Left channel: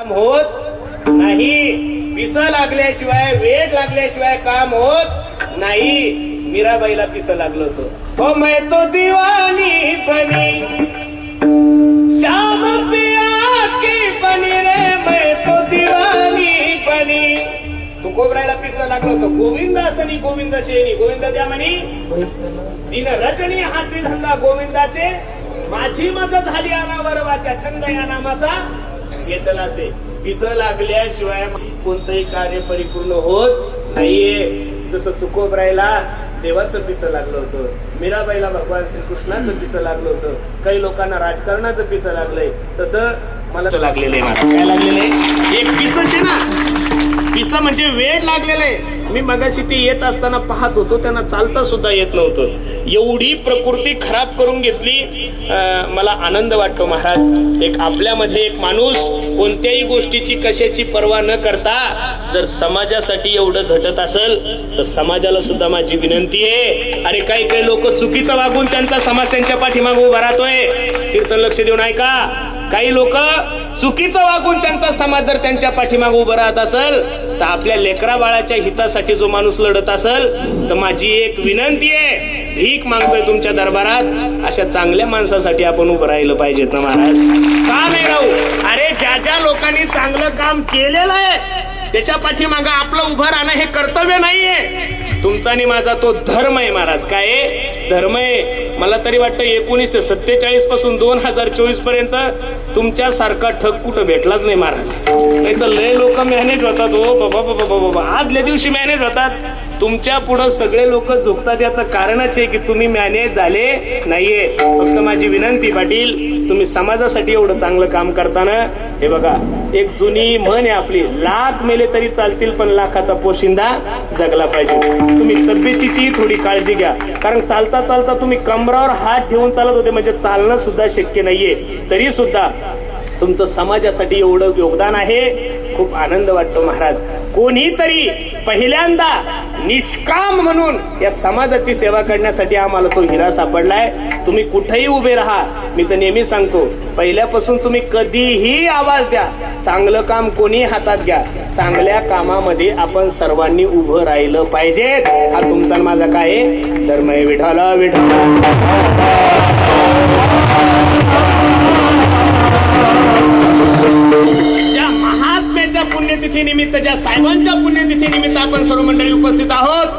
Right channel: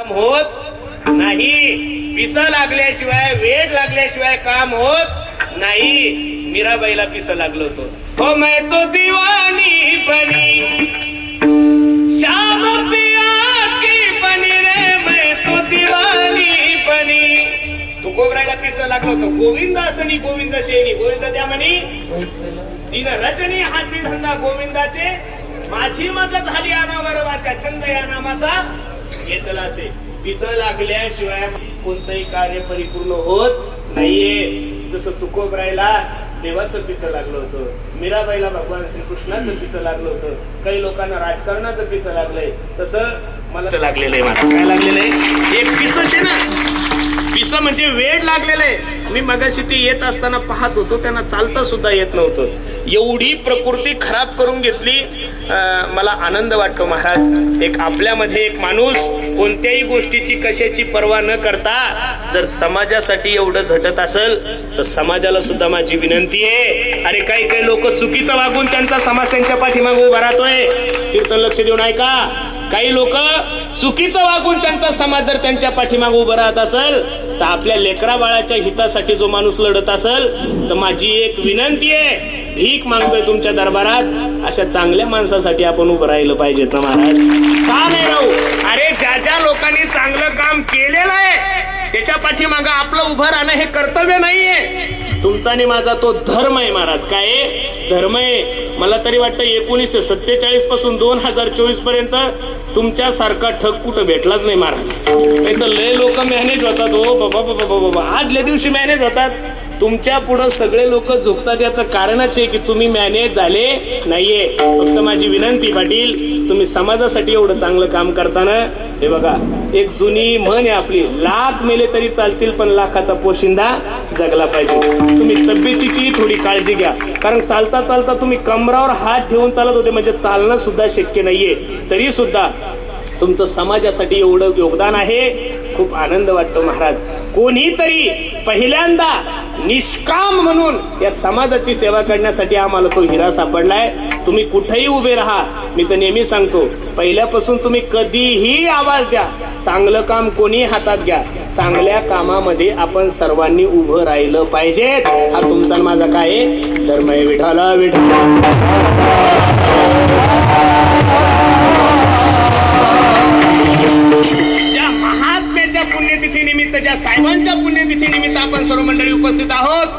काम होत नाही. पिसा लागल्याशिवाय वेळ लागल्याशिवाय काम होत नाही. मीराबाईला पिस लागलं होतं. हो मैं तो दिवानी बनी. श्याम पिया की बनी रे मैं तो दिवानी बनी. तू गोबरायला पिसा लागलं होतं. गोविंद असनी गोविंद शेणी गोविंद द्या म्हणी. दिन रचनी हाची धंदा गोविंदाचे. माझी मजा झाली अनावरवाच्या छंद या नामाचा. घेतला असे पिस लागल्याशिवाय कोणतंही कार्य परिपूर्ण होत नाहीये. जसं तुकोबरायला देवाचं पिस लागलं होतं. मीराबाईला भगवान श्रीकृष्णाचं पिस लागलं होतं. काही लोकांना राजकारणाचं पिस लागलंय. तसं मला लागलेलं आहे. काय लागलेलं आहे? एक पिसच आहे ना पिसं म्हणजे वेळ लागलेला. आहे मी मगाशी ते येत असताना पाहत होतो त्यांना चालता सुद्धा येत नव्हतं. एवढी प्रकृती खराब करून घेतली मला आनंद वाटतो महाराज. एक आपल्यामध्ये एक माणूस कोणत्याही गोष्टीची कशाची पर्वा न करता जर समाजासाठी एवढं झटत असेल तर समाजाला सुद्धा माझी विनंती आहे. अरे काही काही लोक चुकीचं वागून त्यांचा समाज त्यांच्या पाठीमागे उभा राहतोय. कीर्तन लक्ष देऊन ऐका काही लोक चुकीचं वागून त्यांचा समाज जर त्यांच्या पाठीमागे उभं राहत असेल तर आपल्या लेकरा बाळाच्या हितासाठी जो माणूस लढत असेल तर माझी एक विनंती आहे भीक मागतोय तुमच्या दरबारात. अशा चांगल्या माणसासाठी आपण उभं राहिलं पाहिजे तर महाराज. का नाही राहू? अरे ज्या ज्या लोकांनी चांगलं काम केलेलं आहे त्याच्या पाठीमागं आपलं उभं राहणं हे कर्तव्य नाहीये. तुमचा आणि माझा तो धर्म आहे महाराज. काय? धर्म आहे. मला तरी वाटतं एकोणीसशे सत्तेचाळीसपासून दोन हजार चोवीसपर्यंत तुमच्यासारखा ठग कुठं भेटलाच नाही महाराज. नाही तर लय लोक मॅनेज होतात हो. बाबा बाबा बाबा बाबा. आदल्या दिवशी मॅनेज होतात. तुमच्यापुढे सगळे लोक झोपतात याचं कारणच आहे की तुम्ही मॅनेज झाले नाहीये. फक्त माझी विनंती पाटील तुम्ही समाजासाठी एवढं चांगलं काम करताना हे बघा एक जुनी म्हण आहे आपली लाख मेले तरी चालतील पण लाखाचा पोशिंदा जगला पाहिजे. तुम्ही तब्येतीची थोडी काळजी घ्या. कारण चालता चालता तुम्ही कमरावर हात ठेवून चालत होते म्हणजे चालणं सुद्धा शक्य नाहीये. तरी सुद्धा तुमचं समाजासाठी एवढं योगदान आहे. खूप आनंद वाटतो महाराज. कोणीतरी पहिल्यांदा निष्काम म्हणून या समाजाची सेवा करण्यासाठी आम्हाला तो हिरा सापडलाय. तुम्ही कुठेही उभे राहा. मी तर नेहमी सांगतो पहिल्यापासून तुम्ही कधीही आवाज द्या. चांगलं काम कोणी हातात घ्या. चांगल्या कामामध्ये आपण सर्वांनी उभं राहिलं पाहिजे. हा तुमचा आणि माझा काय आहे? धर्म आहे विठाला यांच्या पुण्यतिथी निमित्त ज्या साहेबांच्या पुण्यतिथी निमित्त आपण सर्व मंडळी उपस्थित आहोत.